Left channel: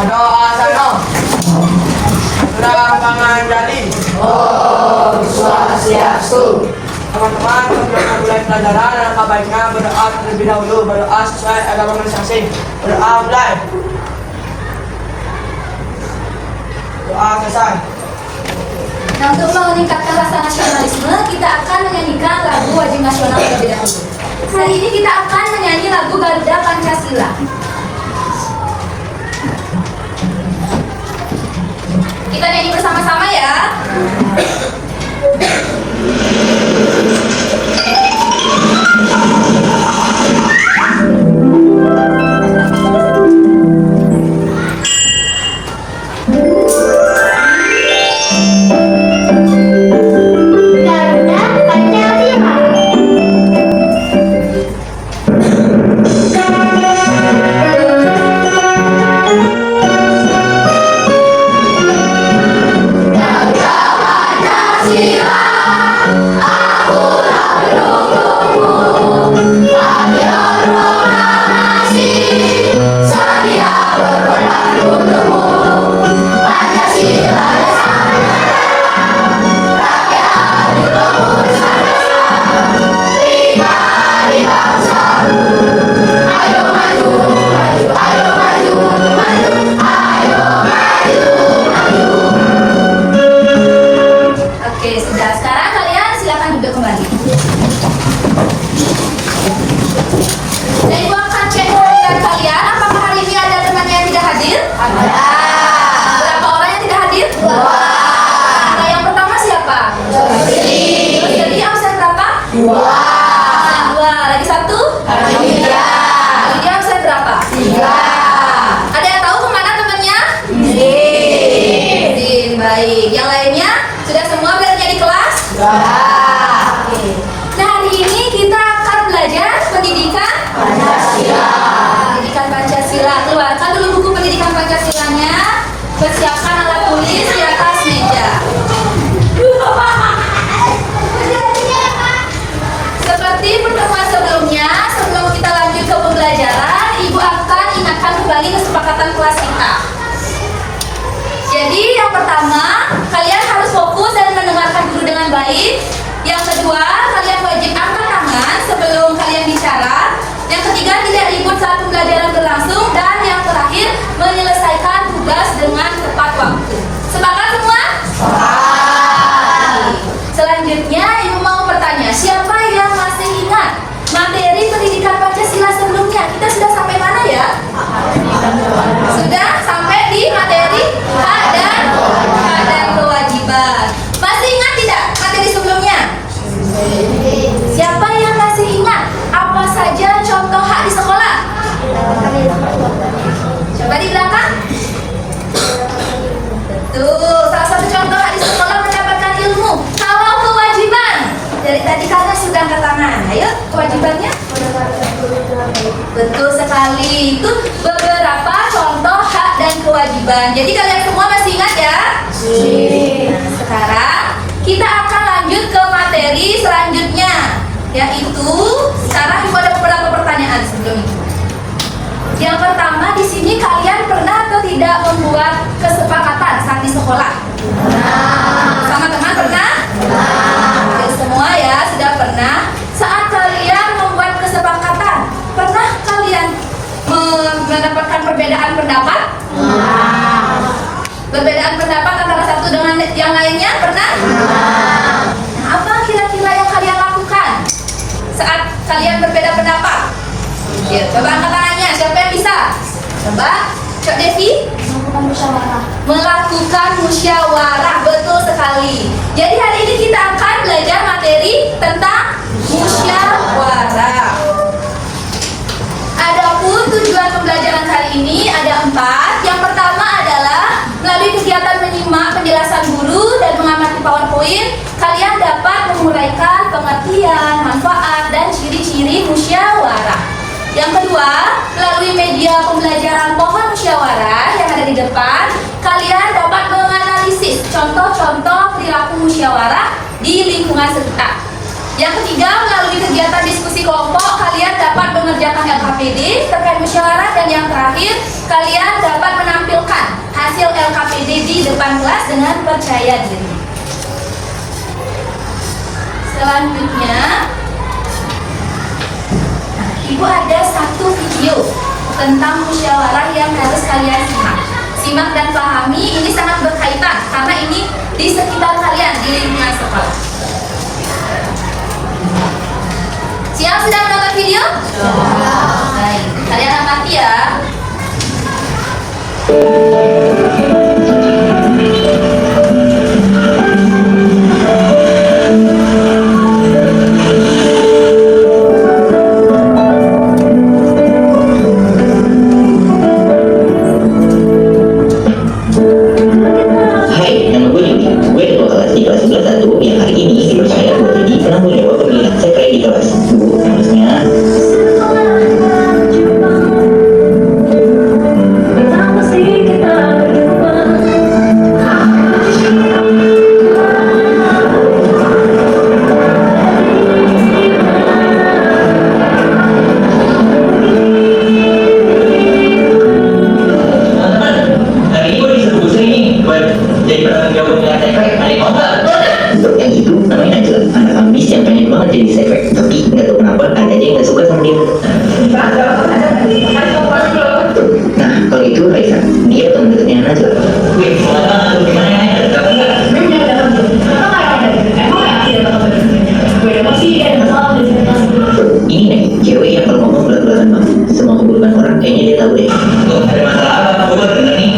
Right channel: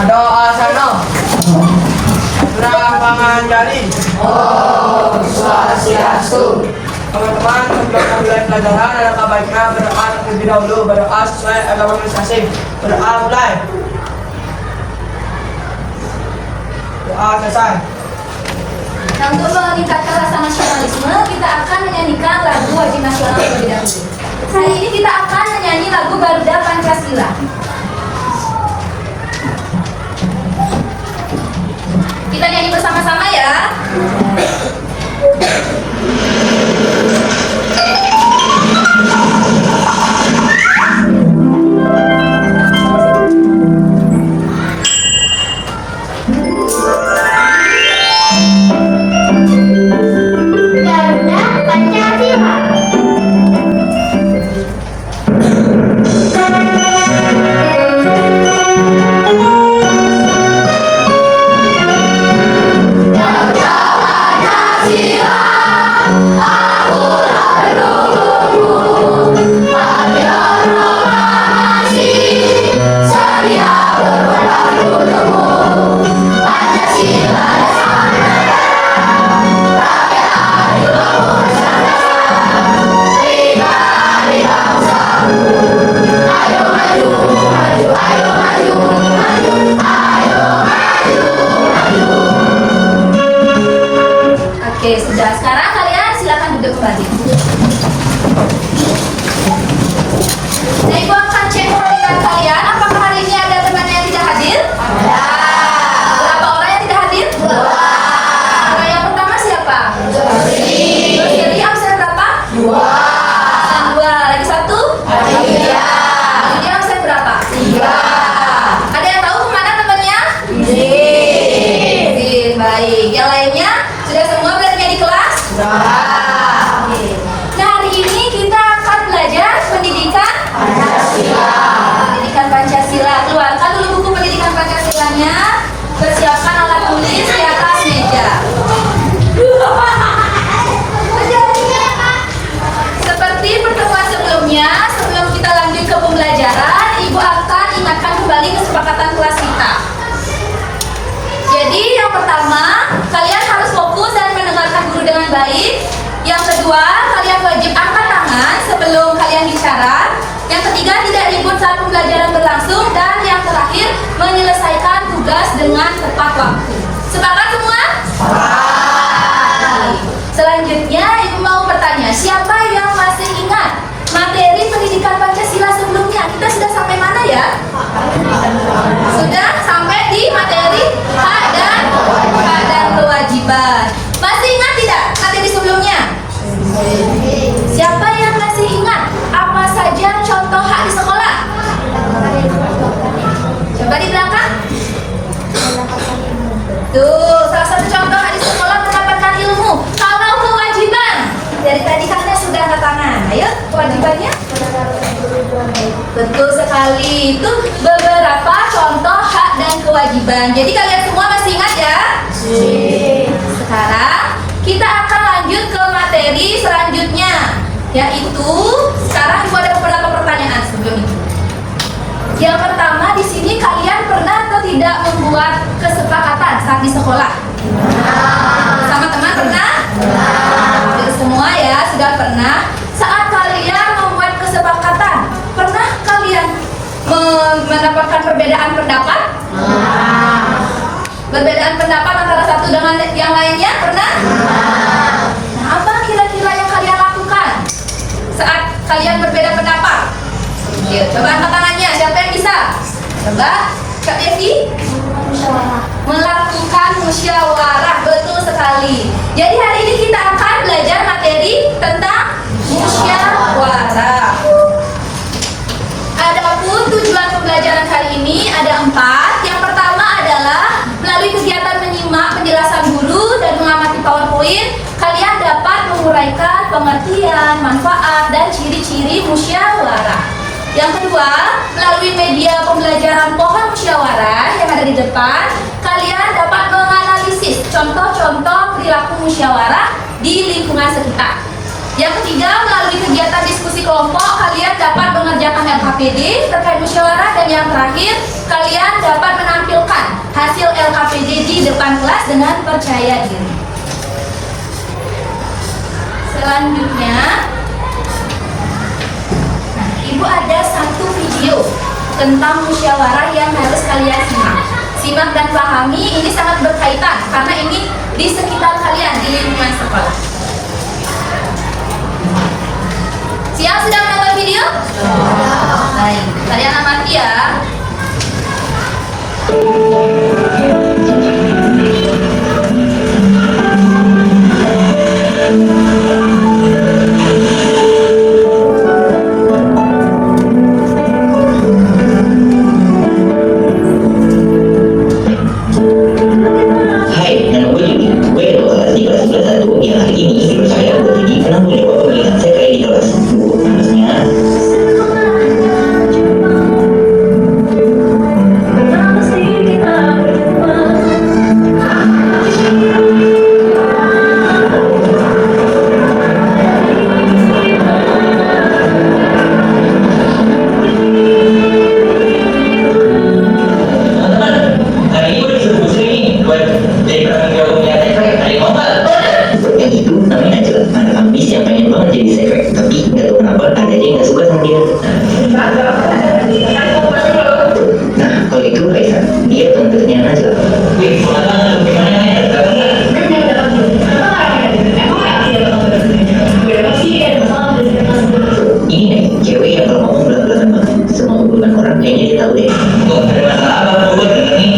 Doa sana. Surah Pangandarin. Om Swastiastu. Teman-teman, sebelum mulai pelajaran, alangkah baiknya berdoa terlebih dahulu. Berdoa sesuai agama masing-masing. Berdoa mulai. Doa selesai. Nah, untuk meningkatkan rasa nasionalisme, kita akan menyanyikan lagu wajib nasional terlebih dahulu. Hari ini kita akan menyanyi lagu Garuda Pancasila. Kita nyanyi bersama-sama ya. Oke, sudah. Sekarang kalian silakan duduk kembali. Nah, Ibu akan cek kehadiran kalian. Apakah hari ini ada temannya yang tidak hadir? Ada. Berapa orang yang tidak hadir? Dua. Nah, yang pertama siapa? Jadi absen berapa? Dua. Absen dua. Lagi satu? Tiga. Dia absen berapa? Tiga. Ada yang tahu kemana temannya? Izin. Baik. Yang lainnya? Sudah semua belajarnya di kelas? Sudah. Oke. Nah, hari ini kita akan belajar pendidikan Pancasila. Pendidikan Pancasila. Keluarkan dulu buku pendidikan Pancasilanya. Persiapkan alat tulis di atas meja. Seperti pertemuan sebelumnya, sebelum kita lanjut ke pembelajaran, Ibu akan ingatkan kembali kesepakatan kelas kita. Jadi yang pertama, kalian harus fokus dan mendengarkan guru dengan baik. Yang kedua, kalian wajib angkat tangan sebelum kalian bicara. Yang ketiga, tidak ribut saat pembelajaran berlangsung. Dan yang terakhir, menyelesaikan tugas dengan tepat waktu. Sepakat semua? Sepakat. Selanjutnya, Ibu mau bertanya, siapa yang masih ingat materi pendidikan Pancasila sebelumnya? Kita sudah sampai mana ya? Sudah sampai di materi hak dan kewajiban. Masih ingat tidak materi sebelumnya? Siapa yang masih ingat apa saja contoh hak di sekolah? Coba di belakang. Betul, salah satu contoh hak di sekolah mendapatkan ilmu. Kalau kewajiban, dari tadi kalian sudah angkat tangan. Ayo, kewajibannya? Betul sekali. Itu beberapa contoh hak dan kewajiban. Jadi kalian semua masih ingat ya? Nah, sekarang kita akan lanjut ke materi selanjutnya, yaitu sekarang Ibu ada beberapa pertanyaan sebelum itu. Yang pertama, di sini kalian pernah atau tidak membuat kesepakatan saat di sekolah? Sama teman pernah? Oke, semua ya sudah pernah. Saat kalian membuat kesepakatan, pernah kalian mendapatkan perbedaan pendapat? Perbedaan pendapat antara satu dengan yang lainnya pernah? Nah, apa kira-kira yang kalian lakukan saat kalian berbeda pendapat? Ya, coba angkat tangannya, siapa yang bisa? Coba, Kak Devi. Melakukan musyawarah, betul sekali. Jadi hari ini kita akan belajar materi tentang musyawarah. Adapun tujuan pembelajaran hari ini ada 4. Yang pertama adalah melalui kegiatan menyimak penjelasan guru dan mengamati PowerPoint, kalian dapat menguraikan pengertian, manfaat, dan ciri-ciri musyawarah. Yang kedua, melalui media pembelajaran pohon musyawarah yang ada di depan, kalian dapat menganalisis contoh-contoh perilaku musyawarah di lingkungan sekitar. Yang ketiga, melalui kegiatan diskusi kelompok, kalian dapat mengerjakan LKPD terkait musyawarah. Dan yang terakhir, kalian dapat menampilkan depan kelas dengan percaya diri. Selanjutnya, Ibu ada satu video tentang musyawarah yang harus kalian simak. Simak dan pahami, ini sangat berkaitan karena ini di sekitar kalian, di lingkungan sekolah. Siap sudah menonton video? Baik, kalian amati ya. Hai, nama gue Juni. Gue ketua kelas di kelas 11 yang hari ini guru saya gue jadi pernah mencoba pemilihan sekre di kelas. Bu, harusnya teman-teman, hari ini gue disuruh busur ini buat jadi penanggung jawab pemilihan sekre. Ada yang mau nggak? Untuk yang itu namanya Angela, anak ambis yang pengen banget jadi sekre, tapi nggak tahu kenapa ada aja yang nggak suka sama dia. Nah, kalau itu Raisa, dia teman dekatnya Angela. Wih, semangat banget tuh pikirannya ya, tahu nggak? Ini nih, cewek yang kalau ngomong belak-belakan banget, semua hubungan orang kayaknya dia tahu deh. Tuh, ada masalah apa? Gue denger nih.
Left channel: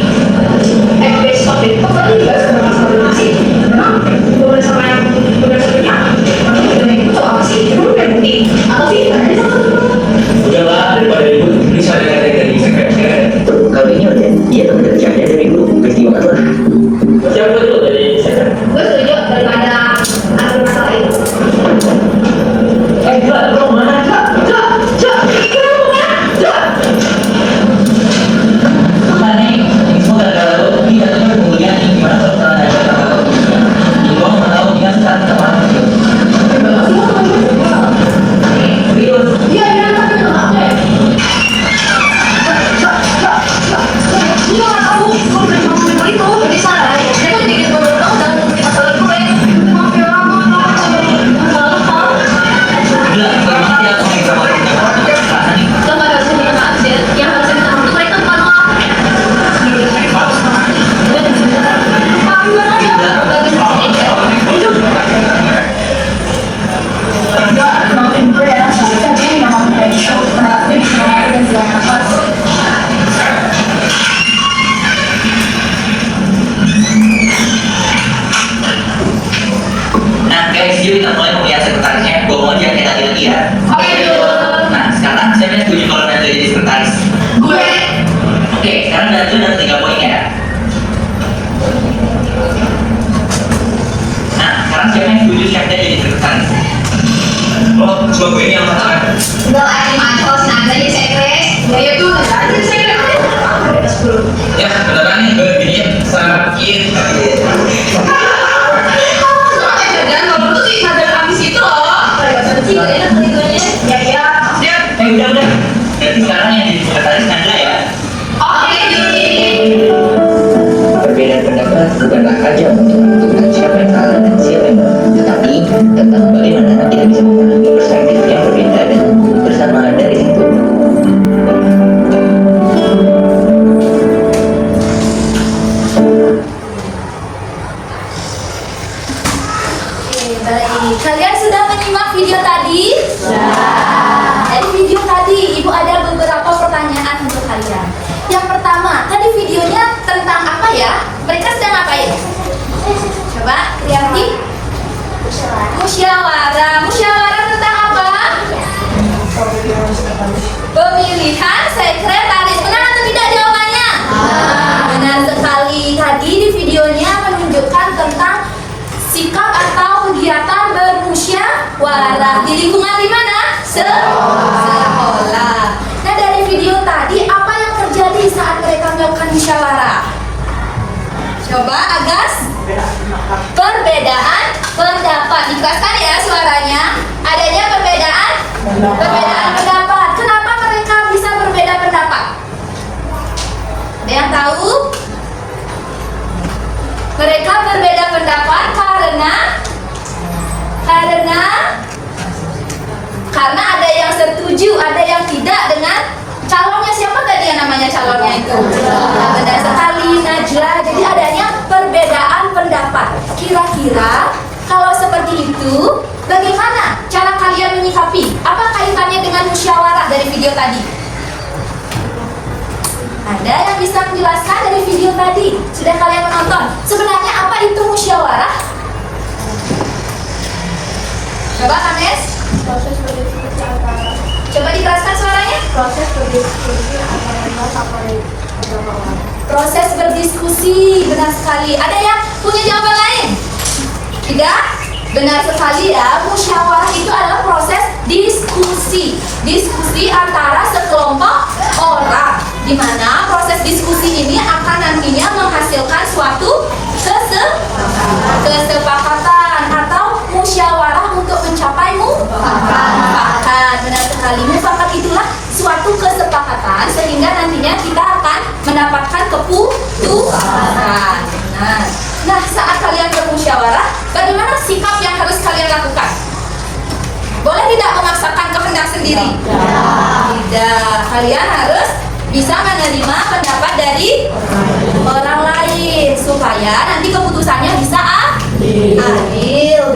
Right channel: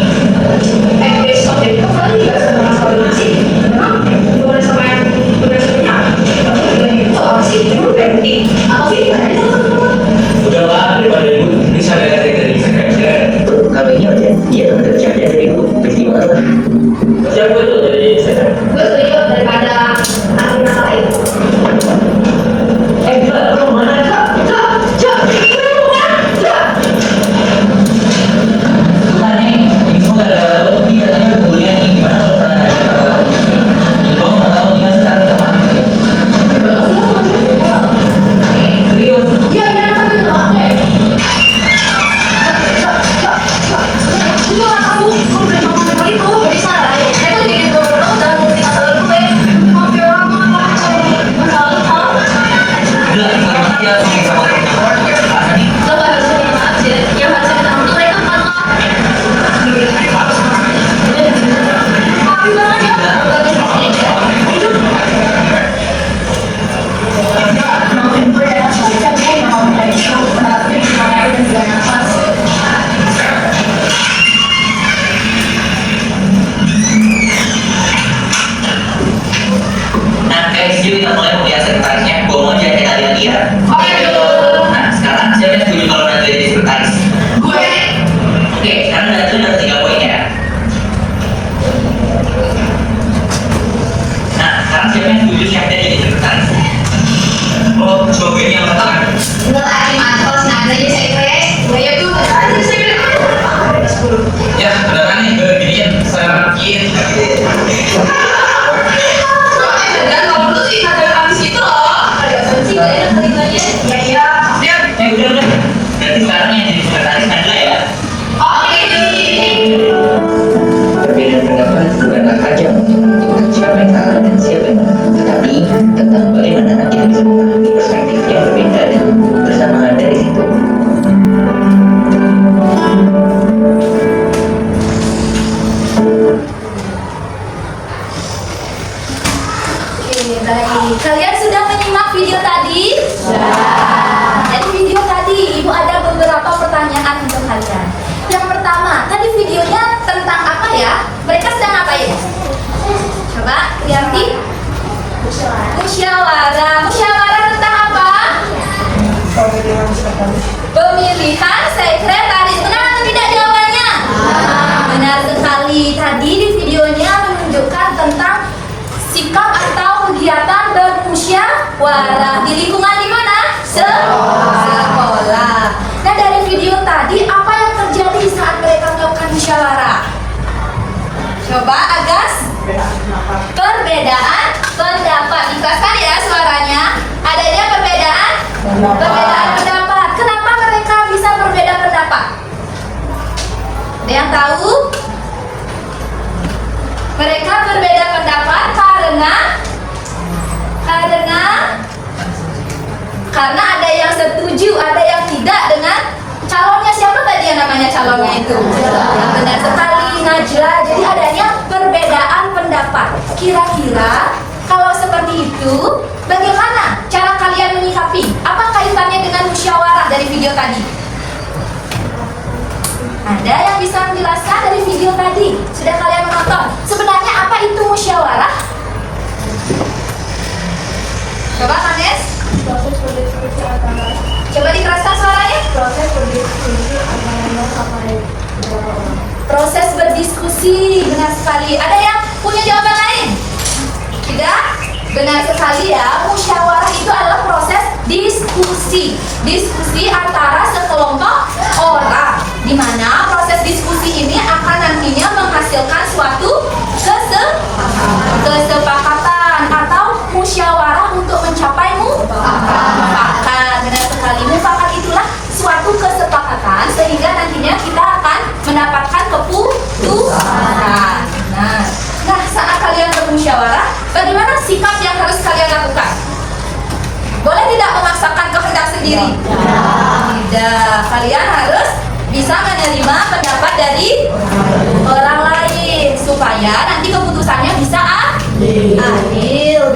Udah lah, daripada ibu bisa dekat dari sekretariat. Kalau ini aja, dia teman dekatnya dari dulu, pasti banget lah. Siapa tuh jadi sekretariat? Gue setuju daripada ambil masalah itu. Gila, lo mana? Mana nih? Semua gara-gara lo, dia teman kemudian ini gimana kalau misalnya ada kata-kata? Gue mau tahu dia sekarang sama aku. Serius? Iya, tapi nggak ada. Gue nggak tahu. Gue boleh ngomong itu. Jadi salah. Saya tuh bikin gue tahu dan masalah gue. Maaf ya, maaf. Gila, nggak mati aku nih sama teman-teman. Mana nih? Lo nggak harus minta maaf sih. Yang harus minta maaf itu mereka bukan maaf. Maaf banget ya. Maafin gue ya. Kan dia yang mau dari show. Dia udah bilang nafas. Nah guys, jadi kita mulai pemilihan sekretarisnya. Gue mau aja kayak tadi lagi ya. Oke. Nah sekarang siapa yang setuju kalau Datu jadi sekretaris? Gue. Oke, sekarang Datu dapat 3 poin ya. Nah sekarang siapa yang setuju Syafda jadi sekretaris? Oh, cuma gue ini yang katakan. Udah lah, ini mantap. Nah, jadi sekres. Ya tuh, ada sekres. Ya, beneran nih, gue giniin sama Iin. Dan kamu tuh sih ada habis itu loh. Sih gak enak ketiganya. Ya iya. Udah. Berarti sekarang yang jadi sekretaris Angela ya. Oke. Perbedaan pendapat bukanlah hanya untuk menentukan siapa yang salah dan siapa yang benar, tetapi tentang bagaimana kita bisa memahami perspektif yang berbeda dan tumbuh bersama dari situ. Oke, baik. Kalian sudah menyimak video tadi? Dari video tadi, Ibu ada beberapa pertanyaan untuk kalian. Yang pertama, tadi videonya tentang apa ya? Mereka sedang ngapain? Coba, Rianti. Musyawarah. Musyawarah tentang apa? Pemilihan sekretaris. Benar atau tidak jawabannya? Benar sekali. Tadi di videonya menunjukkan tentang sikap atau kegiatan bermusyawarah di lingkungan di mana? Sekolah. Nah, dari video tadi apa yang terjadi saat mereka melakukan musyawarah? Coba Agas. Perbedaan pendapat. Ikhlaskan ya suaranya. Adanya perbedaan pendapat. Kenapa mereka bisa berbeda pendapat? Ada yang tahu? Mereka berbeda pendapat karena ada yang setuju, ada yang tidak dengan calonnya. Siapa tadi yang namanya calonnya itu? Benar sekali, Najla. Jadi adanya perbedaan pendapat. Kira-kira kalau seperti itu, bagaimana cara kalian menyikapi? Apa kaitannya dengan musyawarah dari video tadi? Ada yang bisa menjelaskan dari video tadi? Sudah kalian menonton? Sebenarnya apa itu musyawarah? Coba Kames. Proses berdiskusi antara Coba dikeraskan suaranya. proses berdiskusi antara dua orang. Proses berdiskusi, benar sekali. Ada yang punya jawaban lain? Tidak? Benar sekali ya. Musyawarah itu adalah proses diskusi. Diskusi antara sekelompok orang, di mana proses diskusi ini akan nantinya menghasilkan suatu kesepakatan atau musyawarah untuk mencapai mufakat. Benar sekali. Mufakat itulah suatu kesepakatan sehingga nantinya kita akan mendapatkan keputusan. Nah, saat kalian bermusyawarah, bagaimana sikap yang harus kalian lakukan? Boleh tidak memaksakan kehendak sendiri? Tidak. Kalian harus bisa menerima pendapat dari orang lain supaya nanti keputusannya bisa adil.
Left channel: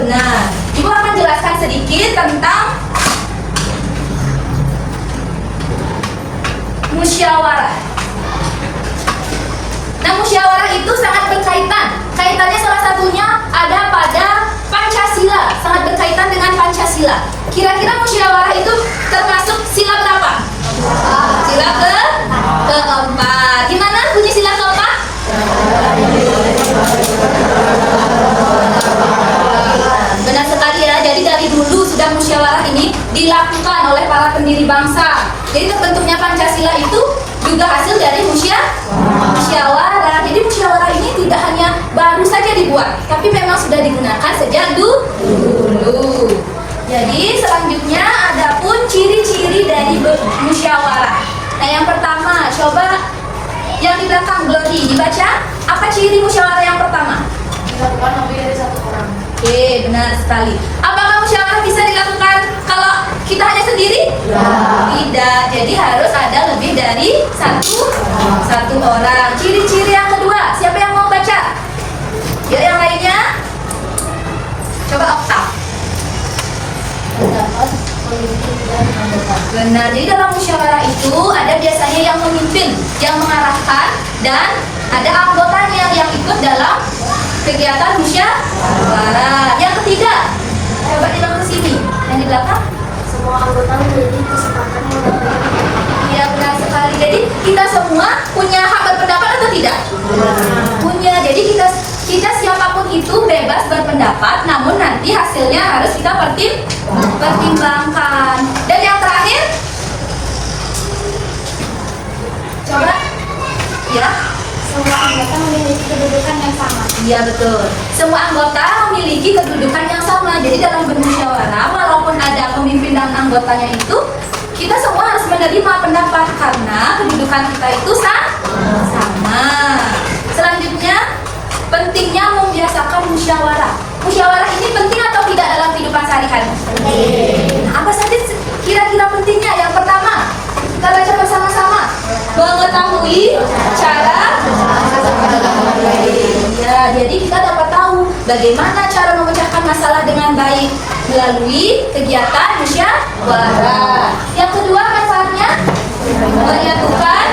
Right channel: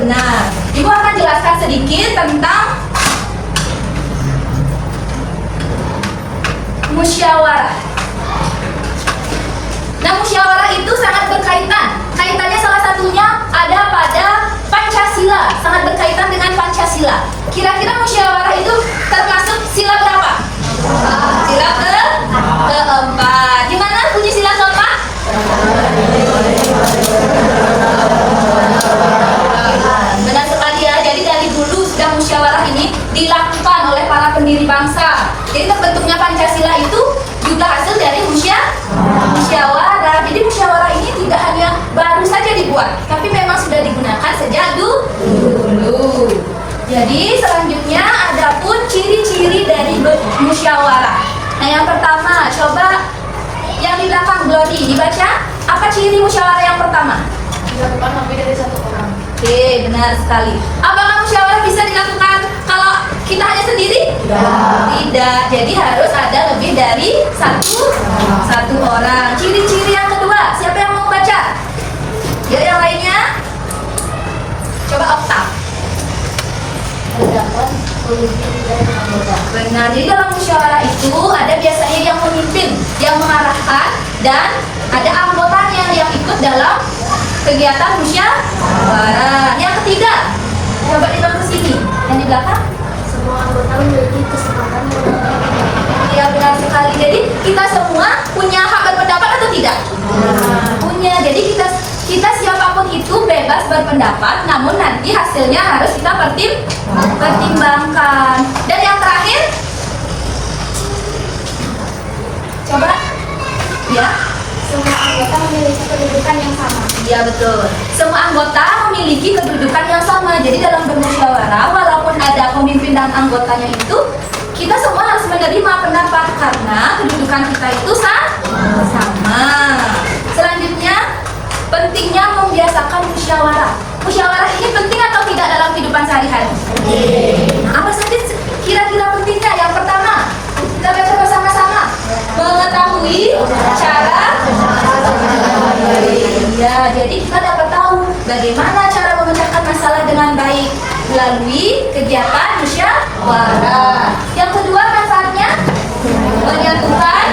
Benar. Ibu akan jelaskan sedikit tentang musyawarah. Nah, musyawarah itu sangat berkaitan. Kaitannya salah satunya ada pada Pancasila, sangat berkaitan dengan Pancasila. Kira-kira musyawarah itu termasuk sila berapa? Sila keempat. Di mana bunyi sila keempat? Benar sekali ya. Jadi dari dulu sudah musyawarah ini dilakukan oleh para pendiri bangsa. Jadi terbentuknya Pancasila itu juga hasil dari musyawarah. Jadi musyawarah ini tidak hanya baru saja dibuat, tapi memang sudah digunakan sejak dulu. Jadi selanjutnya ada pun ciri-ciri dari musyawarah. Nah, yang pertama, coba yang di belakang Glory dibaca. Apa ciri musyawarah yang pertama? Dilakukan lebih dari satu orang. Oke, benar sekali. Apakah musyawarah bisa dilakukan kalau kita hanya sendiri? Tidak. Jadi harus ada lebih dari satu orang. Ciri-ciri yang kedua, siapa yang mau baca? Ya, yang lainnya? Coba Okta. Terdapat pemimpin dan anggota. Benar. Di dalam musyawarah itu ada biasanya yang memimpin, yang mengarahkan, dan ada anggotanya yang ikut dalam kegiatan musyawarah. Yang ketiga, coba ditolong ke sini. Yang di belakang? Semua anggota memiliki kesempatan mengenai Iya, benar sekali. Jadi kita semua punya hak berpendapat atau tidak? Punya. Jadi kita siapapun itu bebas berpendapat, namun nanti hasilnya harus kita pertimbangkan. Dan yang terakhir, coba, ya. semua anggota memiliki kedudukan yang sama. Iya, betul. Semua anggota memiliki kedudukan yang sama. Jadi dalam bermusyawarah, walaupun ada pemimpin dan anggotanya itu, kita semua harus menerima pendapat karena kedudukan kita itu sama. Selanjutnya, pentingnya membiasakan musyawarah. Musyawarah ini penting atau tidak dalam kehidupan sehari-hari? Nah, apa saja kira-kira pentingnya? Yang pertama, kita baca bersama-sama. Mengetahui cara. Ya, jadi kita dapat tahu bagaimana cara memecahkan masalah dengan baik melalui kegiatan musyawarah. Yang kedua, manfaatnya menyatukan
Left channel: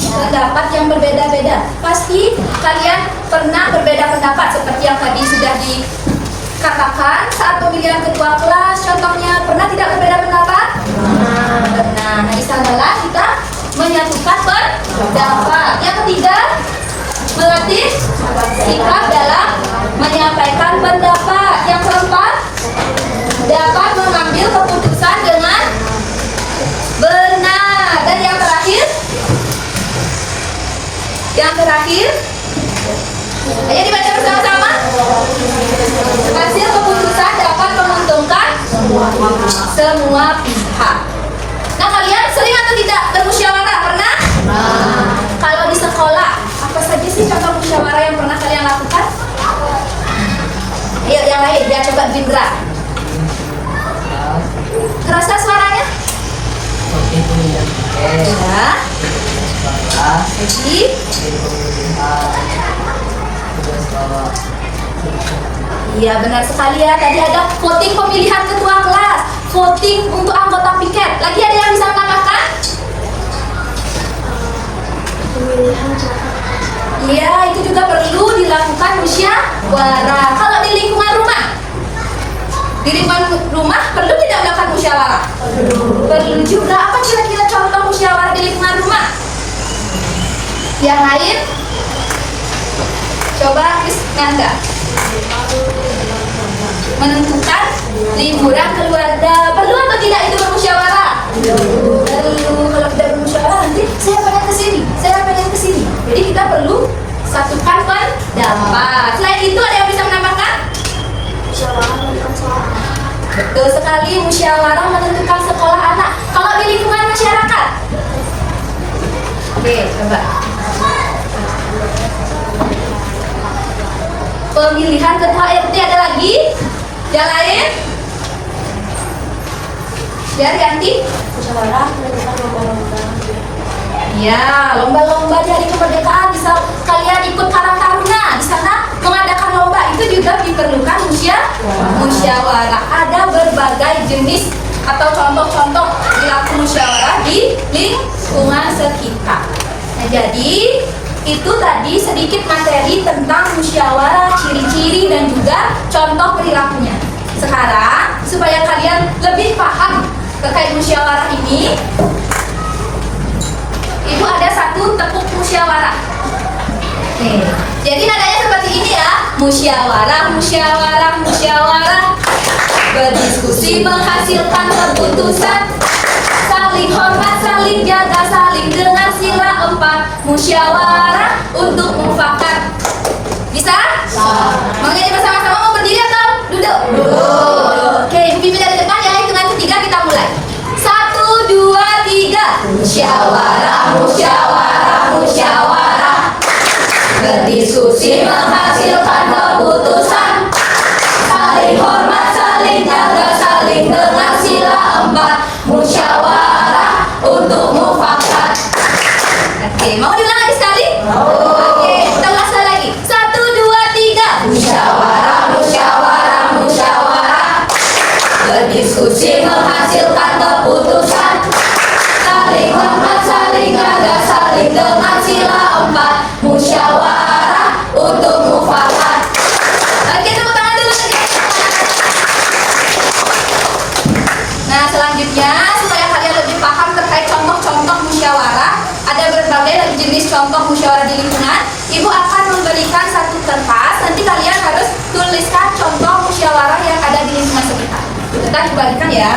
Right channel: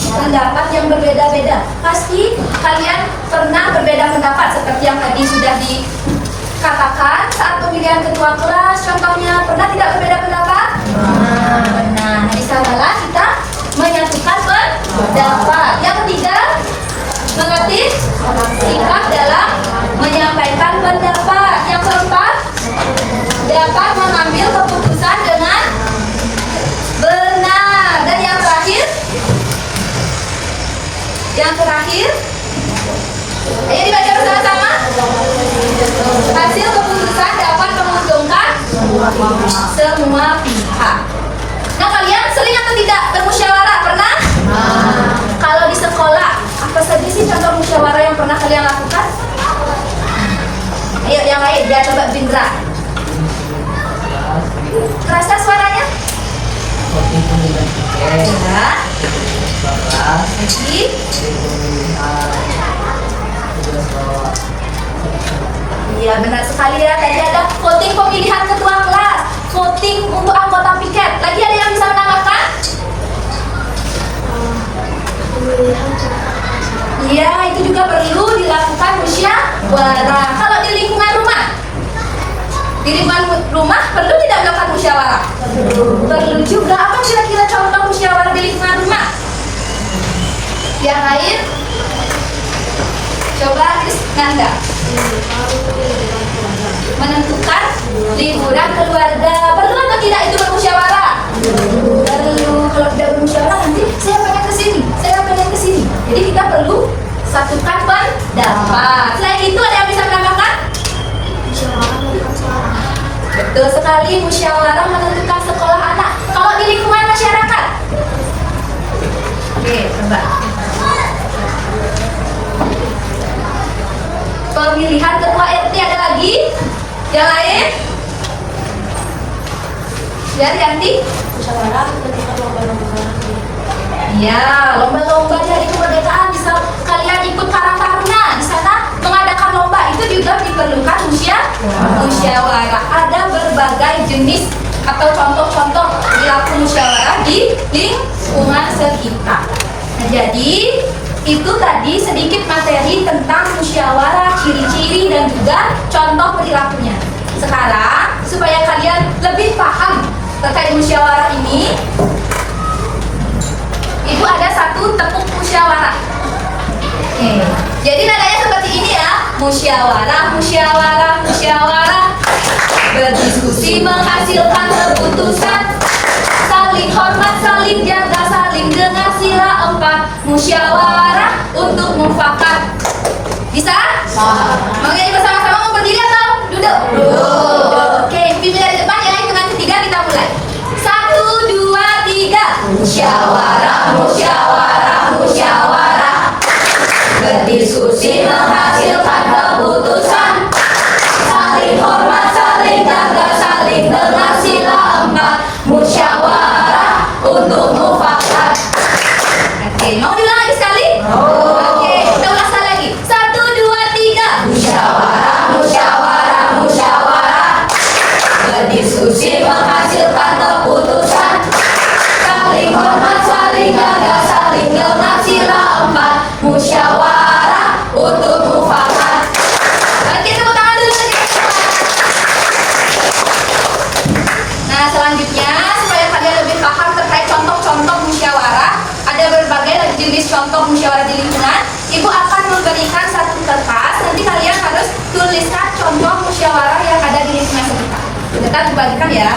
pendapat yang berbeda-beda. Pasti kalian pernah berbeda pendapat seperti yang tadi sudah dikatakan saat pemilihan ketua kelas. Contohnya, pernah tidak berbeda pendapat? Nah, di sanalah kita menyatukan pendapat. Yang ketiga, mengerti sikap dalam menyampaikan pendapat. Yang keempat, dapat mengambil keputusan dengan benar. Dan yang terakhir, ayo dibaca bersama-sama. Hasil keputusan dapat menguntungkan semua pihak. Nah, kalian sering atau tidak bermusyawarah? Pernah? Kalau di sekolah, apa saja sih contoh musyawarah yang pernah kalian Iya benar sekali ya. Tadi ada voting pemilihan ketua kelas, voting untuk anggota piket. Lagi ada yang bisa menambahkan? Iya, itu juga perlu dilakukan musyawarah. Kalau di lingkungan rumah, perlu tidak melakukan musyawarah? Perlu juga. Apa kira-kira contoh musyawarah di lingkungan rumah? Yang lain? Coba Nganda. Menentukan liburan keluarga. Perlu atau tidak itu bermusyawarah? Perlu. Kalau tidak bermusyawarah nanti saya pengen kesini, saya pengen kesini. Jadi kita perlu satukan pendapat. Selain itu ada yang bisa menambahkan? Betul sekali, musyawarah menentukan sekolah anak. Kalau di lingkungan masyarakat? Oke, coba. Pemilihan ketua RT ada lagi? Yang lain? Dari Yanti? Ya, lomba-lomba di hari kemerdekaan bisa kalian ikut Karang Taruna. Di sana mengadakan lomba itu juga diperlukan musyawarah. Ada berbagai jenis atau contoh-contoh perilaku musyawarah di lingkungan sekitar. Nah, jadi itu tadi sedikit materi tentang musyawarah, ciri-ciri dan juga contoh perilakunya. Sekarang supaya kalian lebih paham terkait musyawarah ini, Ibu ada satu tepuk musyawarah. Oke. Jadi nadanya seperti ini ya. Musyawarah, musyawarah, musyawarah. Berdiskusi menghasilkan keputusan. Saling hormat, saling jaga, saling dengar sila 4. Musyawarah untuk mufakat. Bisa? Mau nyanyi bersama-sama, mau berdiri atau duduk? Duduk. Oke, pimpin dari depan ya. Hitungan ketiga kita mulai. 1, 2, 3. Musyawarah, musyawarah, musyawarah. Berdiskusi menghasilkan keputusan. Saling hormat, saling jaga, saling dengar sila 4. Musyawarah untuk mufakat. Oke, mau diulang lagi sekali? Oke, kita ulas lagi. 1, 2, 3. Musyawarah, musyawarah, musyawarah. Berdiskusi menghasilkan keputusan. Saling hormat, saling jaga, saling dengar sila 4. Musyawarah untuk mufakat. Oke, tepuk tangan dulu tadi. Nah, selanjutnya supaya kalian lebih paham terkait contoh-contoh musyawarah, ada berbagai lagi jenis contoh musyawarah di lingkungan. Ibu akan memberikan satu kertas. Nanti kalian harus tuliskan contoh musyawarah yang ada di lingkungan sekitar. Kita dibagikan ya.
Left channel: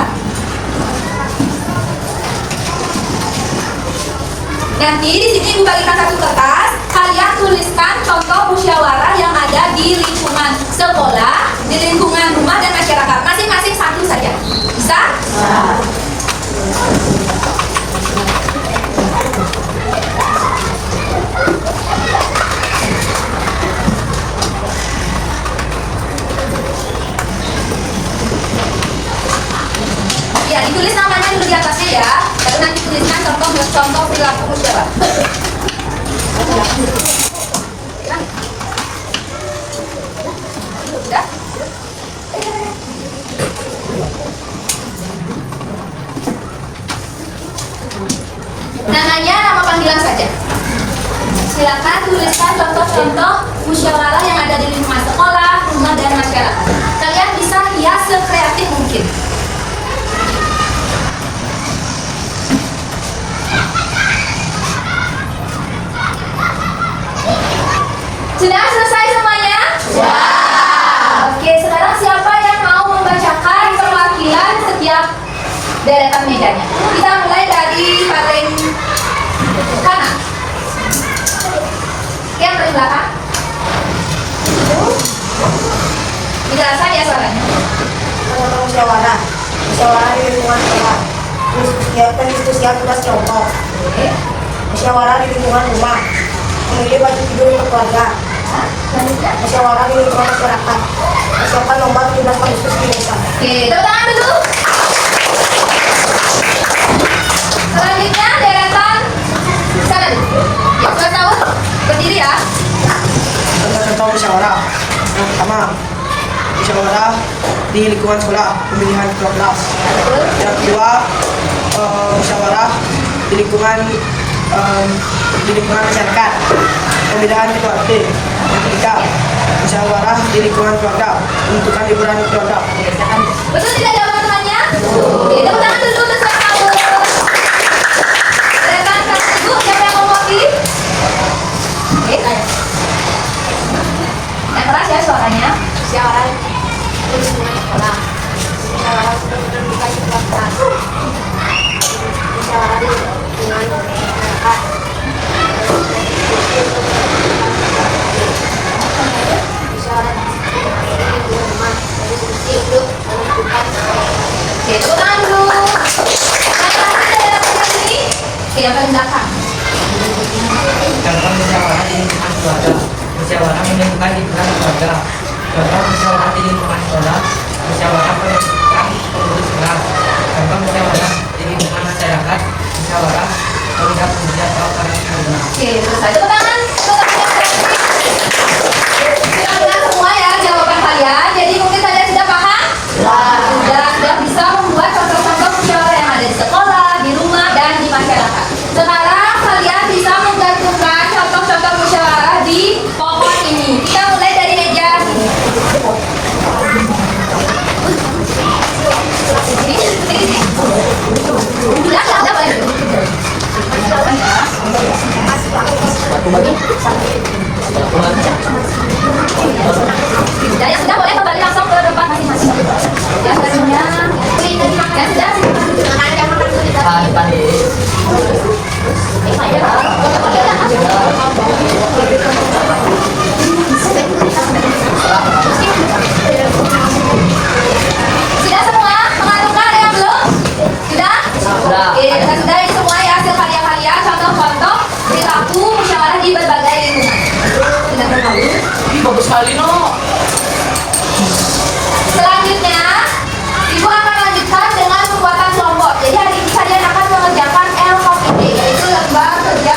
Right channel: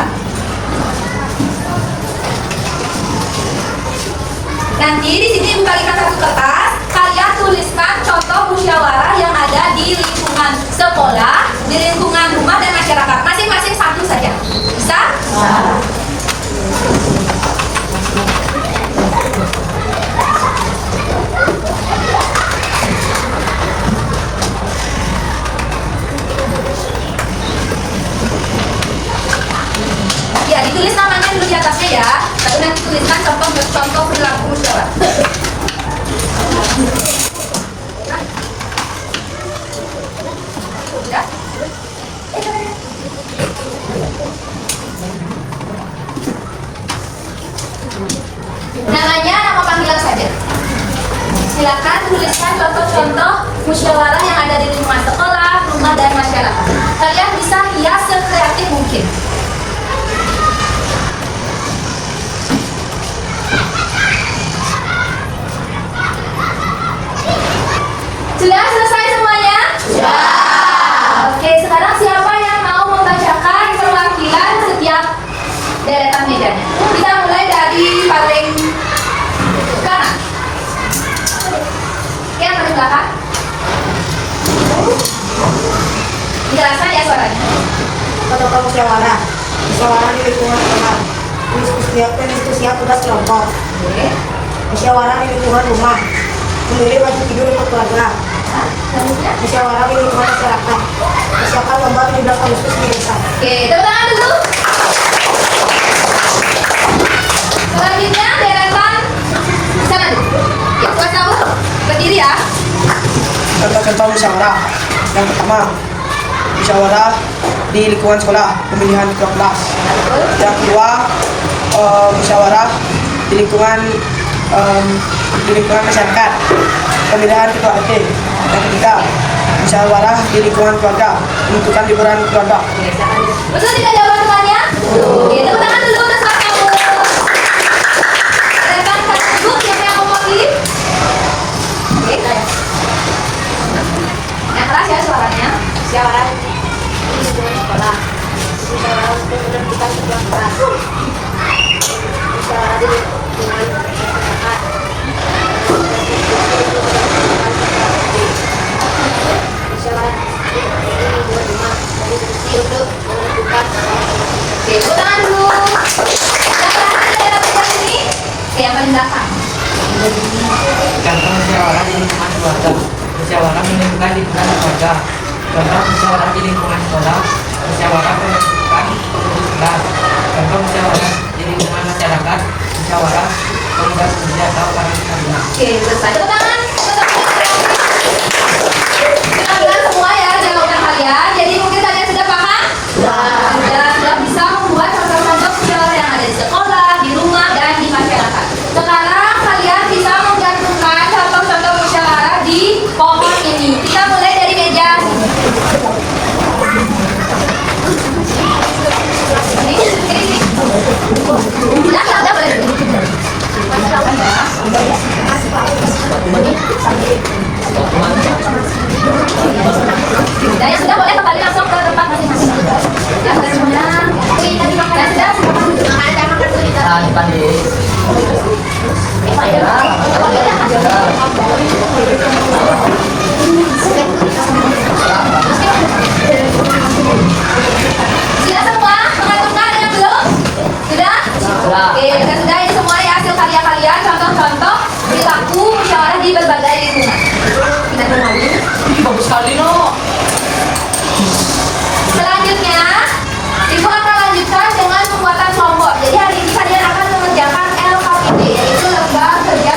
Nanti di sini Ibu bagikan satu kertas. Kalian tuliskan contoh musyawarah yang ada di lingkungan sekolah, di lingkungan rumah dan masyarakat. Masing-masing satu saja. Bisa? Ya, ditulis namanya dulu di atasnya ya. Lalu nanti tuliskan contoh perilaku musyawarah. Sudah? Namanya nama panggilan saja. Silakan tuliskan contoh-contoh musyawarah yang ada di lingkungan sekolah, rumah dan masyarakat. Kalian bisa hias sekreatif mungkin. Sudah selesai semuanya? Ya. Oke, sekarang siapa yang mau membacakan perwakilan setiap deretan mejanya? Kita mulai dari paling kanan. Oke, yang paling belakang. Dijelaskan ya suaranya. Contoh musyawarah di lingkungan sekolah. Diskusi tugas kelompok. Musyawarah di lingkungan rumah. Memilih baju tidur untuk keluarga. Musyawarah di lingkungan masyarakat. Persiapan lomba 17 Agustus di desa. Oke, tepuk tangan dulu. Selanjutnya deretan sana dulu. Yang sudah tahu? ya. Contoh-contoh musyawarah. Yang pertama, musyawarah di lingkungan sekolah, pemilihan ketua kelas. Yang kedua, musyawarah di lingkungan masyarakat, pemilihan ketua RT. Yang ketiga, musyawarah di lingkungan keluarga, menentukan liburan keluarga. Betul tidak jawaban temannya? Oke, tepuk tangan dulu untuk sang tamu. Silakan Pak Ibu, siapa yang mau mewakili? Oke, yang keras ya suaranya. Musyawarah di lingkungan sekolah. Musyawarah untuk menentukan ketua kelas. Musyawarah di lingkungan masyarakat. Musyawarah di lingkungan rumah. Dari fungsi untuk menentukan Oke, tepuk tangan dulu. Yang terakhir dari aplikasi ini, oke, yang paling belakang. Contoh musyawarah di lingkungan keluarga, musyawarah menentukan lingkungan keluarga. Contoh musyawarah di lingkungan sekolah, musyawarah menentukan pengurus kelas. Contoh musyawarah di lingkungan masyarakat, musyawarah pengurus kerja atau paripurna. Oke, selesai. Tepuk tangan. Kita dengar semua ya jawaban kalian. Jadi mungkin kalian sudah paham? Sudah bisa membuat contoh-contoh musyawarah yang ada di sekolah, di rumah, dan di masyarakat. Sekarang kalian bisa menggantungkan contoh-contoh musyawarah di pohon ini. Kita mulai dari meja. Udah boleh. Dan yang sudah boleh kembali langsung ke tempat masing-masing. Yang semuanya, yang sudah sudah semua mengantukkan ada yang belum? Sudah? Oke, dan sudah ini semua ya hasil karya kalian, contoh-contoh perilaku musyawarah di berbagai lingkungan. Bagus sekali, no. Selanjutnya, Ibu akan lanjutkan dengan pembuatan kelompok. Jadi hari ini kalian akan mengerjakan LKPD, yaitu lembar kerja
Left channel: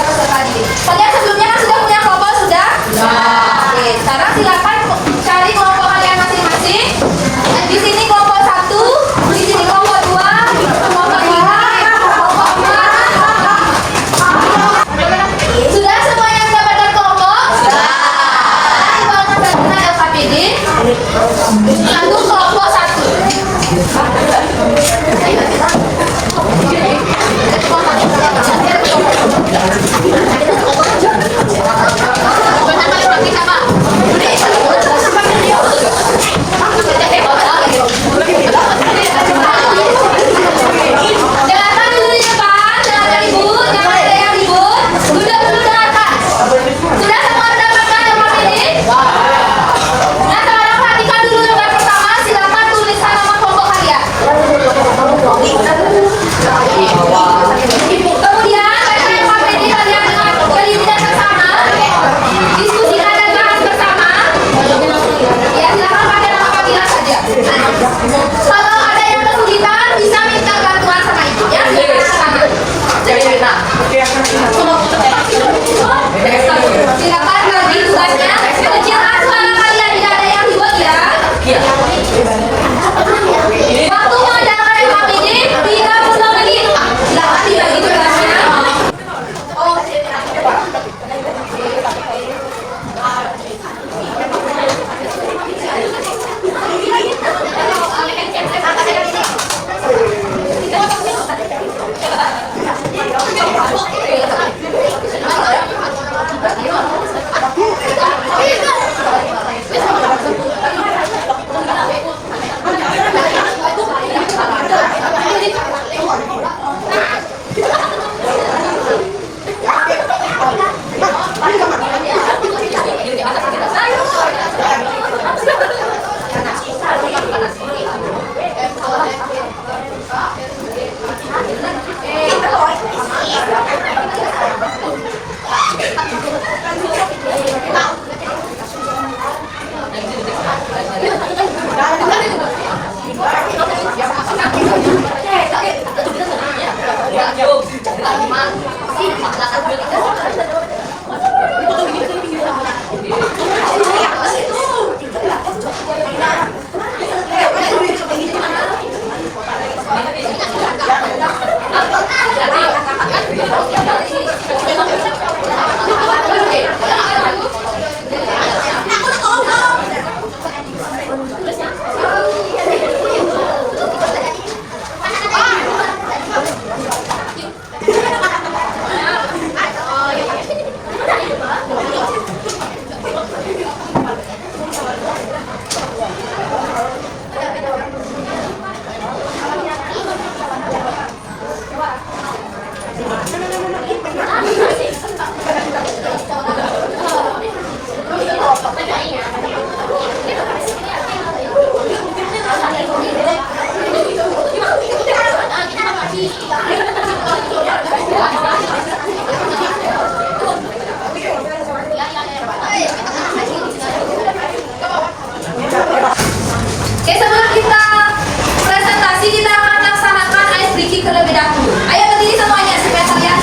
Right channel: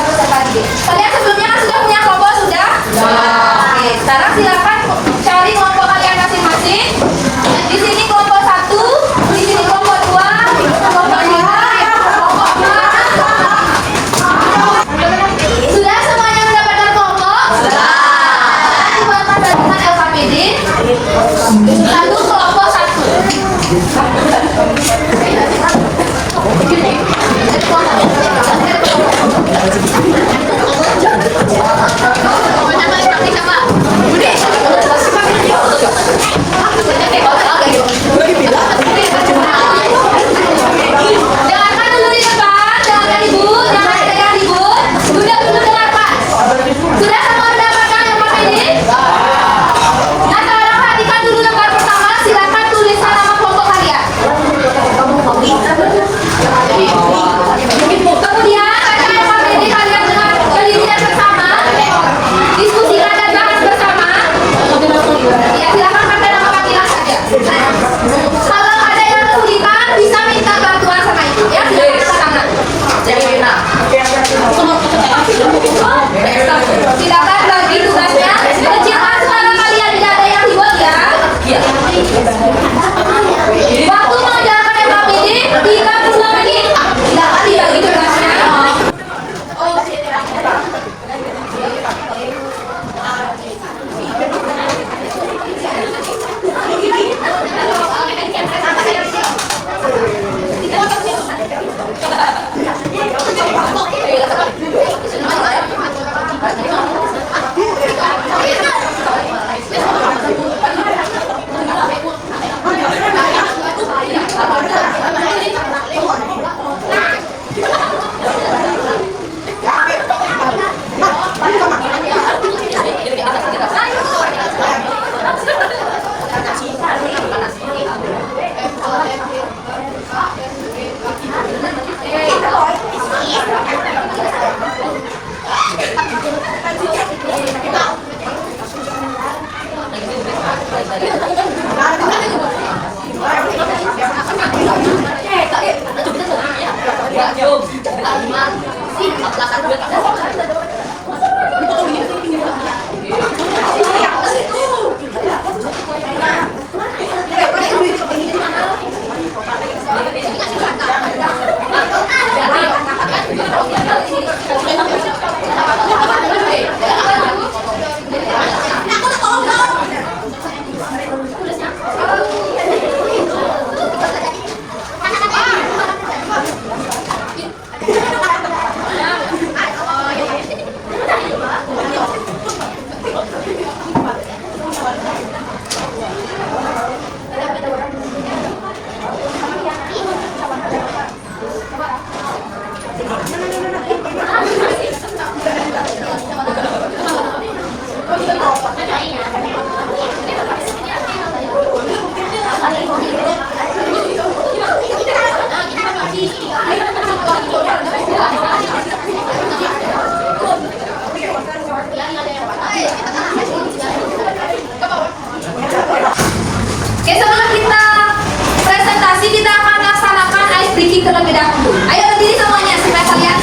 terlebih dahulu. Ayo berdiri semuanya supaya kalian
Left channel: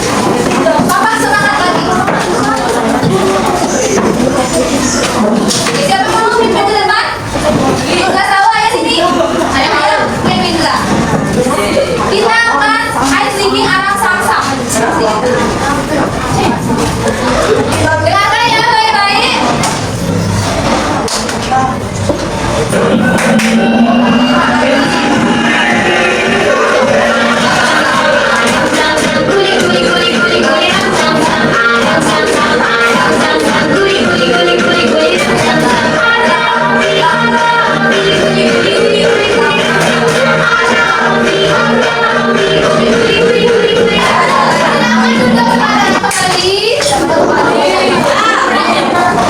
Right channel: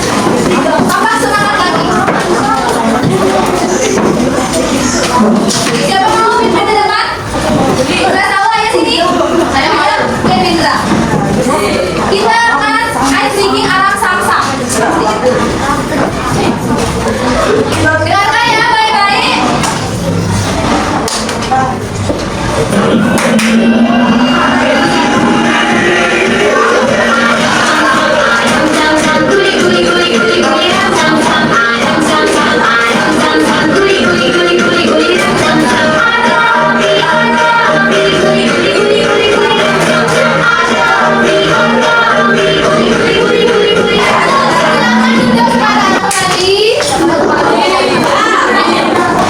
tampak semangat lagi. Siapa mau mimpin ke depan? Udah tahu ayo sini. Ayo Kevin lah. Kita akan ice drinking alam samsam. Dengarkan ya baik-baik.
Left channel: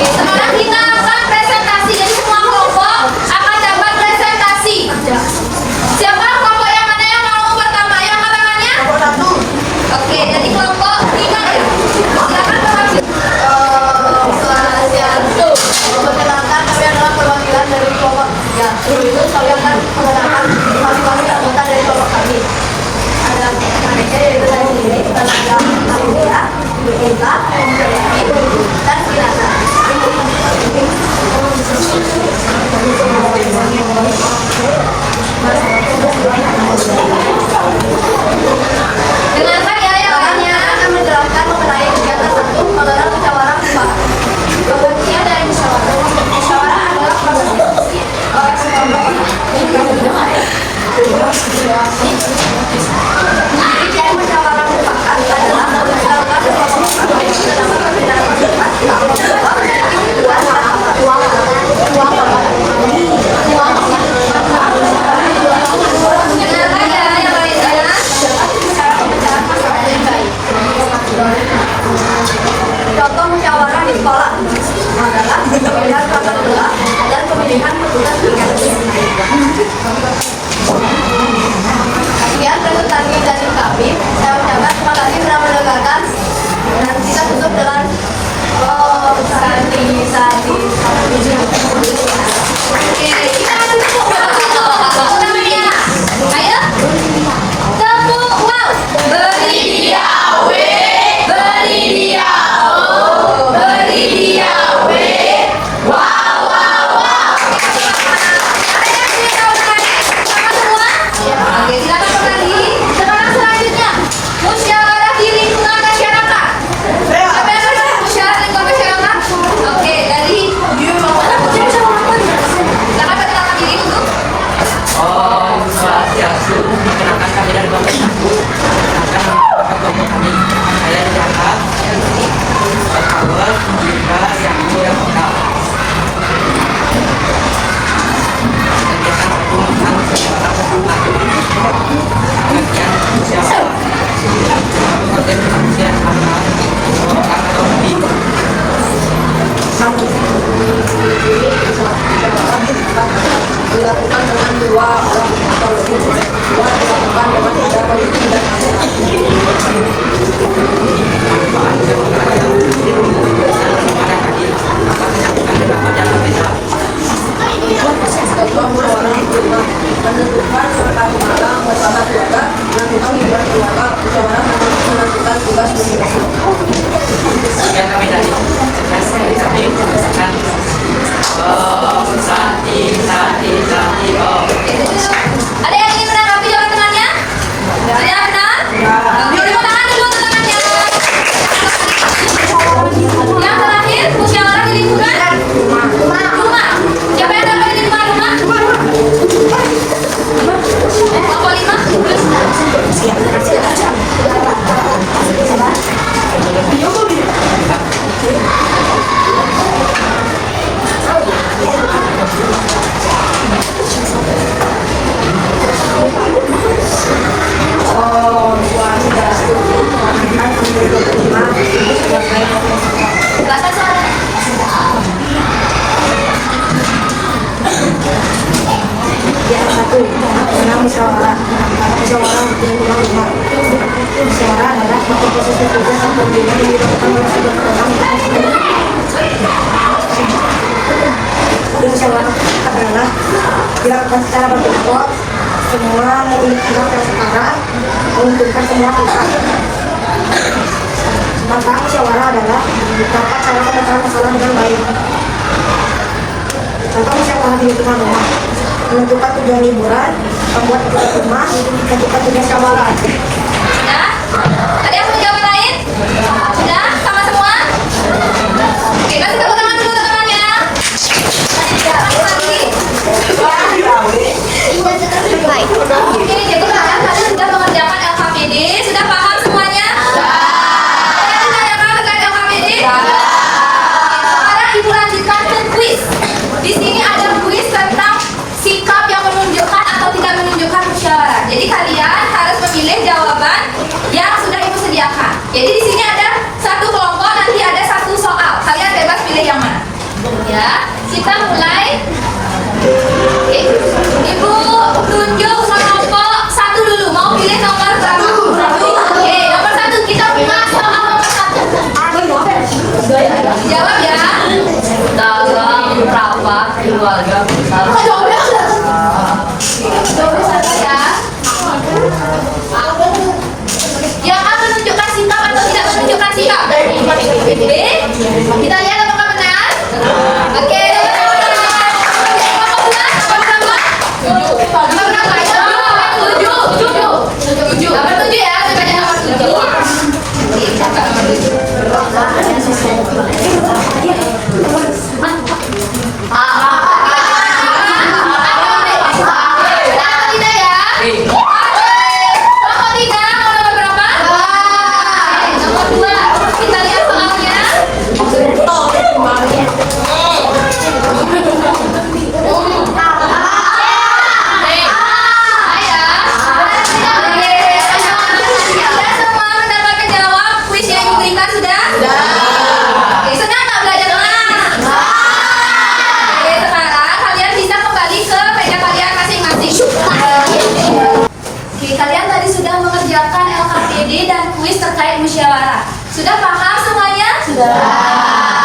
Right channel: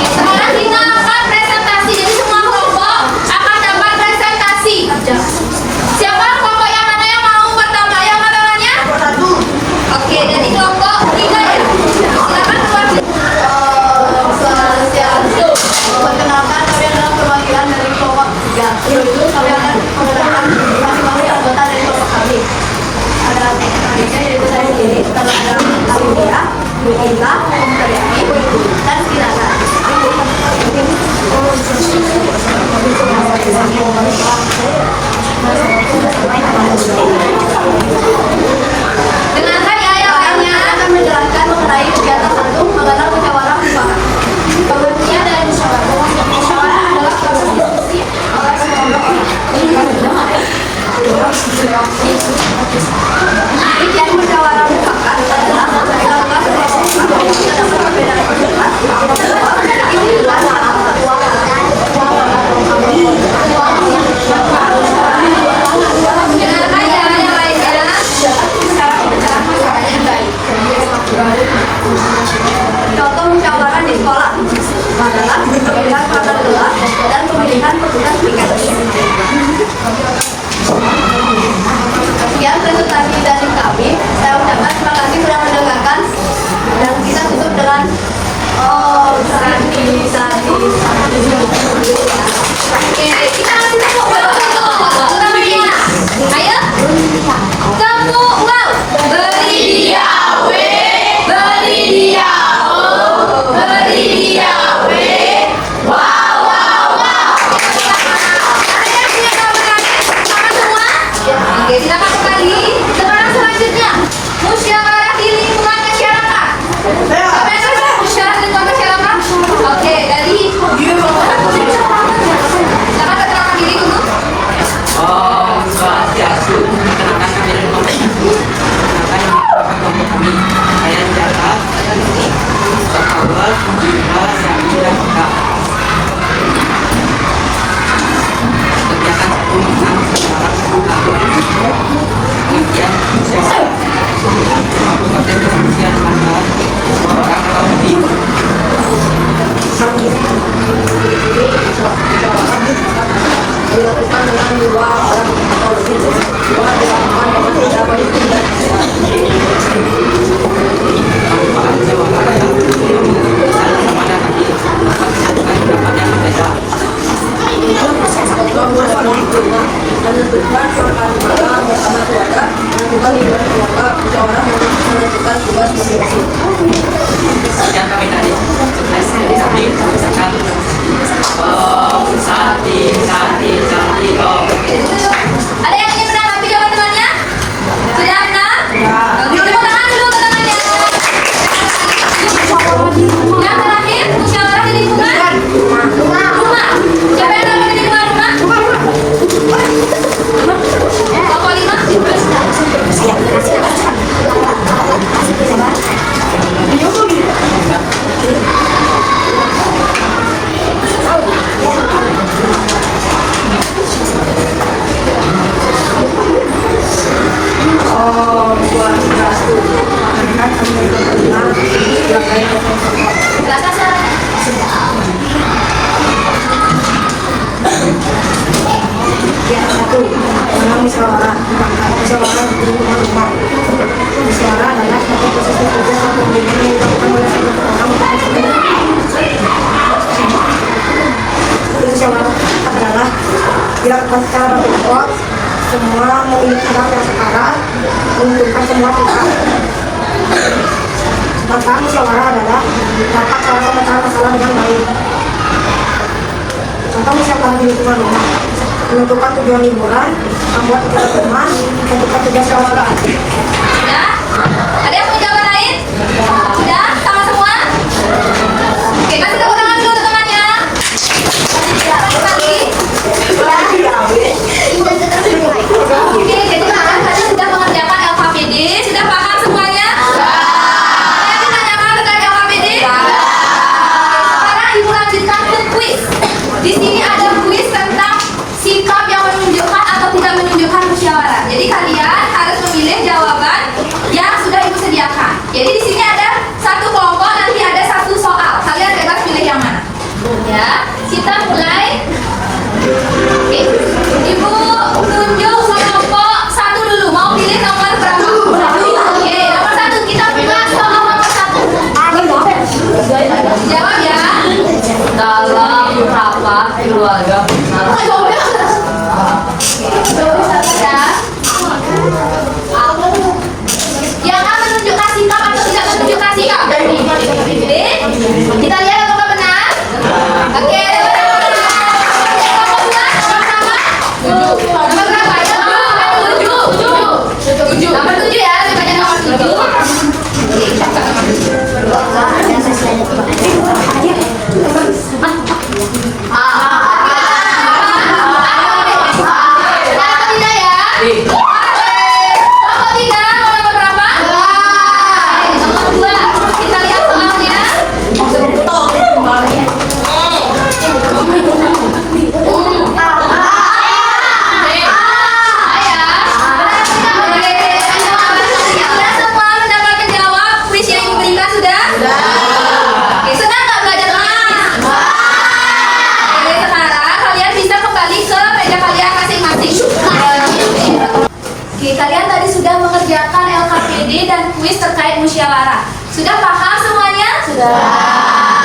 Sekarang kita akan presentasi. Jadi semua kelompok akan dapat presentasi. Siapa kelompok yang mana yang mau pertama? Yang angkat tangannya? Oke, jadi kelompok 3 ya. Silakan mewakili. Perkenalkan, kami adalah perwakilan dari kelompok 3. Sebelum itu, kami akan mengenalkan masing-masing anggota dari kelompok kami. Ada mereka yaitu saya sendiri, dan ada Alidia, Bu Inta, Devi, dan Kirana. Dengarkan ya yang Kami lainnya. akan menjelaskan mengenai kegiatan 1, mengenal musyawarah mufakat. Pengertian dari musyawarah. Musyawarah adalah proses diskusi oleh sekelompok orang. Rincian musyawarah mufakat adalah dilakukan sekelompok orang yang terdapat perbedaan pendapat dalam memiliki tujuan atau Dengarkan ya yang lainnya. dapat bicara pemecahan masalah yang baik. Contoh musyawarah di sekolah adalah pemilihan perangkat kelas dan pemilihan petugas piket. Sekian presentasi dari kami. Saya ucapkan terima kasih sudah mendengarkan dan kita tutup dengan sandi. Oke, kita kasih tepuk tangannya. Ayo. Tepuk wow. Beri dia W, beri dia O, beri dia W. Wow, wow, wow. Ada yang sudah tahu mengenai sama semua? Oke, silakan kembali. Sekarang selanjutnya musyawarah di lingkungan masyarakat. Siapa yang sudah musyawarah di lingkungan masyarakat? Oke, dari silakan perkenalkan diri untuk Om Swastiastu. Perkenalkan kami dari kelompok 1. Perkenalkan kelompok kami. Saya Jaka, Sakawat, Jika, Yanti, dan Meka. Kegiatan 1 tentang musyawarah mufakat. Pengertian musyawarah. Konten perselisihan antar orang atau lebih. Dilakukan dengan 2 orang atau lebih. Dilakukan dengan tidak politik dan Manfaat musyawarah adalah sama dan adil dapat menyatukan pendapat yang berbeda. contoh musyawarah di rumah menentukan makan malam bersama keluarga, menentukan liburan keluarga, musyawarah menentukan tugas masing-masing. Sekian kami dari sukses dari kami merasakan Sati Om. ada yang ingin menanggapi jawabannya? Sudah benar? Oke, tepuk tangan dulu untuk temannya. Yang terakhir, musyawarah di lingkungan rumah. Siapa yang dapat di lingkungan rumah? Kelompok 5. Silakan, silakan. Ya, 1. Mengenal musyawarah. Musyawarah di lingkungan rumah. Musyawarah adalah suatu proses kerja atau pembinaan yang dilakukan oleh sebagian orang untuk musyawarah adalah dilakukan secara berkelompok. Semua memiliki sikap yang setara menguntungkan semua pihak. Tentang musyawarah adalah dapat cara memecahkan masalah dengan baik. Contoh musyawarah di lingkungan rumah, menentukan tujuan liburan, membuat aturan rumah, menentukan tugas musyawarah. Sudah? Ada yang punya jawaban lain? Sudah? Sama semua? Oke, kasih tepuk tangan dulu teman-temannya. Lagi. Oke, jadi kalian tadi sudah mengerjakan LKPD, sudah paham semuanya? Ada yang ditanyakan terkait LKPD? Sekarang ibu lanjutkan ke kuis. Di sini ada kuis tentang sikap yang menunjukkan atau tidak menunjukkan musyawarah. Jadi kalian harus memilih jawaban yang sudah ibu sediakan. Jadi di sini ada satu kelompok, nanti ada satu soal. Kalian bebas pilih yang mana. Ya, kita mulai. Oke, ibu tunjuk kelompok satu dulu. Mau pilih nomor berapa? Oke, nomor satu kita buka soal nomor satu. Jawab ya. Dalam rapat keluarga besar. Yang A menunjukkan sikap atau tidak menunjukkan sikap? B. Kita lihat apakah benar. Oke. Nomor berapa? Tujuh. Nomor 7 ya. Sebagai nomor 7. Oke, siapa nomor 7? Kalian tadi sudah mengerjakan LKPD dan kuis terkait musyawarah. Sudah paham semuanya? Sudah.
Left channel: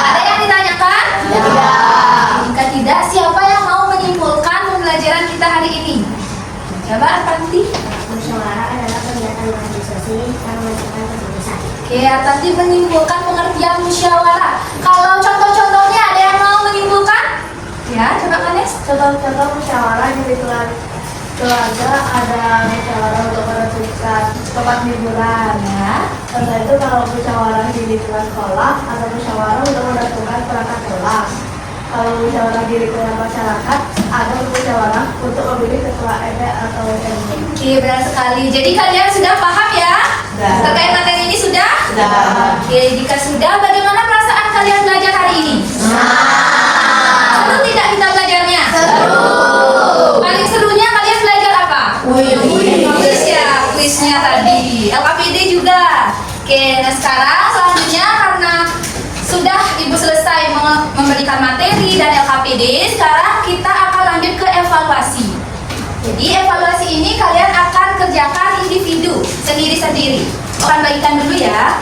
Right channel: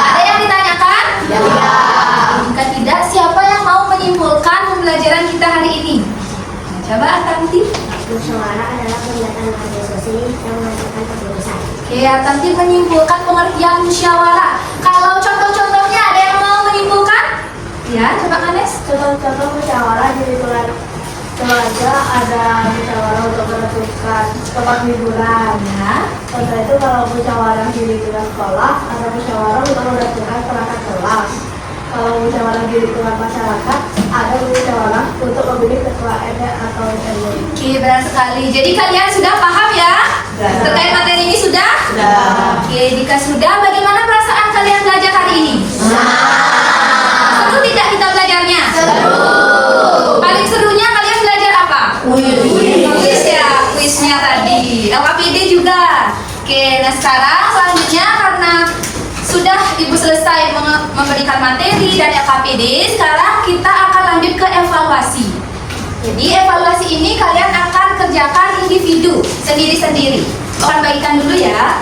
Ada yang ditanyakan? Tidak. Jika tidak, siapa yang mau menyimpulkan pembelajaran kita hari ini? Coba Atanti. Musyawarah adalah kegiatan organisasi yang menentukan keputusan. Oke, Atanti menyimpulkan pengertian musyawarah. Kalau contoh-contohnya ada yang mau menyimpulkan? Ya, coba Manes. Contoh-contoh musyawarah di lingkungan keluarga ada musyawarah untuk menentukan tempat liburan. Ya. Contoh itu kalau musyawarah di lingkungan sekolah ada musyawarah untuk menentukan perangkat kelas. Kalau musyawarah di lingkungan masyarakat ada musyawarah untuk memilih ketua RT atau RW. Oke, benar sekali. Jadi kalian sudah paham ya? Sudah. Terkait materi ini sudah? Sudah. Oke, jika sudah, bagaimana perasaan kalian belajar hari ini? Seru tidak kita belajarnya? Seru. Paling serunya kalian belajar apa? Kuis ya, kuisnya tadi. LKPD juga. Oke, nah sekarang selanjutnya karena sudah ibu selesai memberikan materi dan LKPD, sekarang kita akan lanjut ke evaluasi. Jadi evaluasi ini kalian akan kerjakan individu sendiri-sendiri. Akan bagikan dulu ya.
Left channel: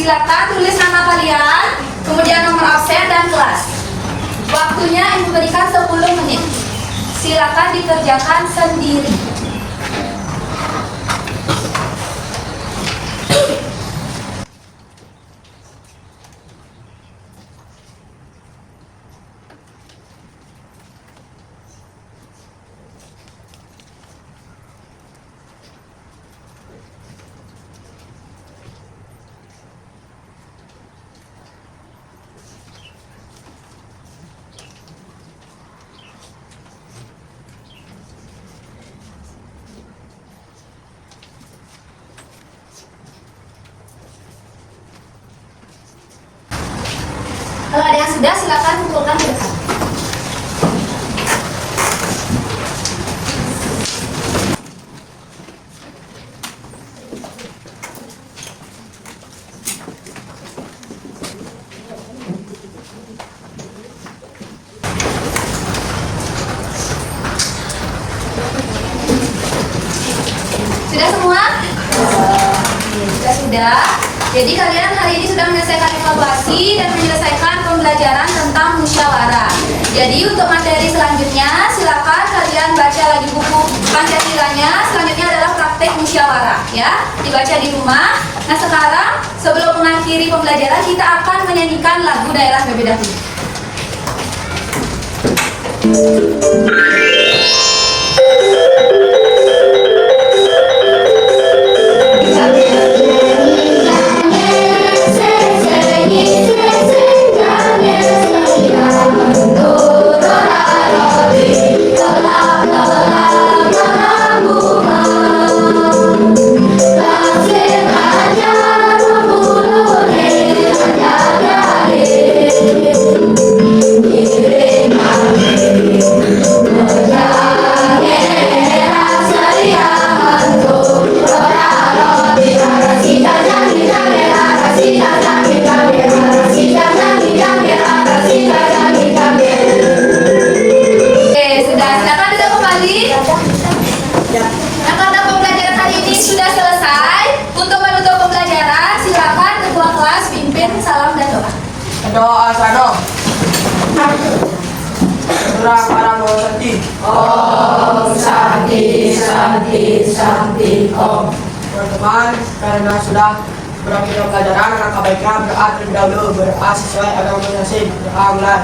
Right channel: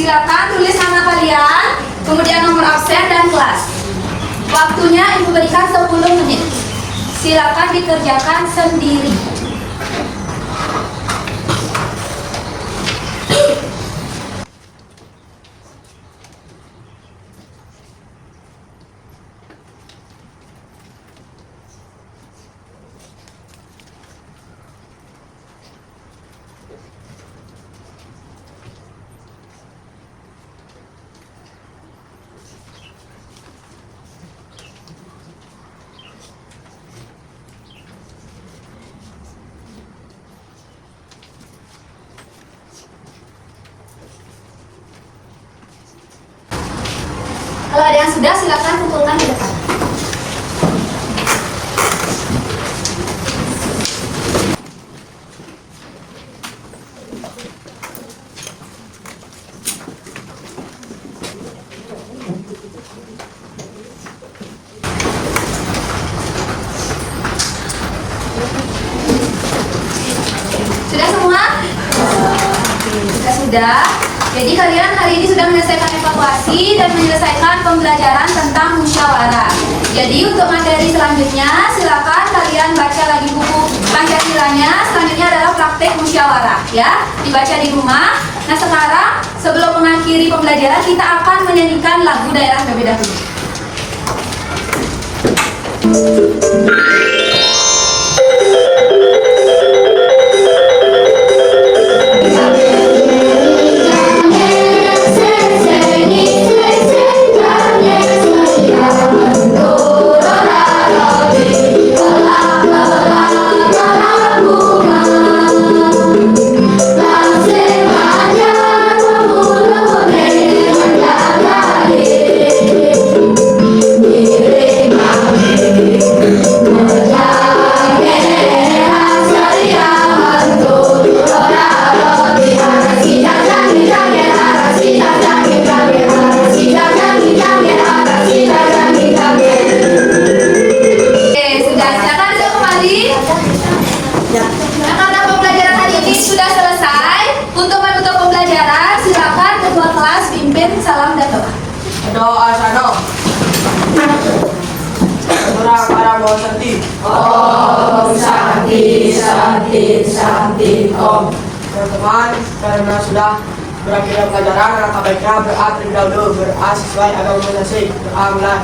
Silakan tulis nama kalian, kemudian nomor absen dan kelas. Waktunya ibu berikan 10 menit. Silakan dikerjakan sendiri. Kalau ada yang sudah, silakan kumpulkan ke depan. sudah. Jadi kalian hari ini sudah menyelesaikan evaluasi dan menyelesaikan pembelajaran tentang musyawarah. Jadi untuk materi selanjutnya silakan kalian baca lagi buku Pancasilanya. Selanjutnya adalah praktek musyawarah ya, dibaca di rumah. Nah sekarang sebelum mengakhiri pembelajaran kita akan menyanyikan lagu daerah terlebih dahulu. Salam dan doa. Doa sano. Surah para Santi. Om Santi Santi Santi Om. Teman-teman, karena sudah berakhir pelajaran, alangkah baiknya berdoa terlebih dahulu, berdoa sesuai agama masing-masing. Doa mulai.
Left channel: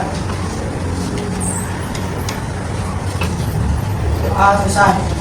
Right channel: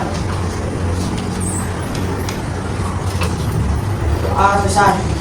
Doa selesai.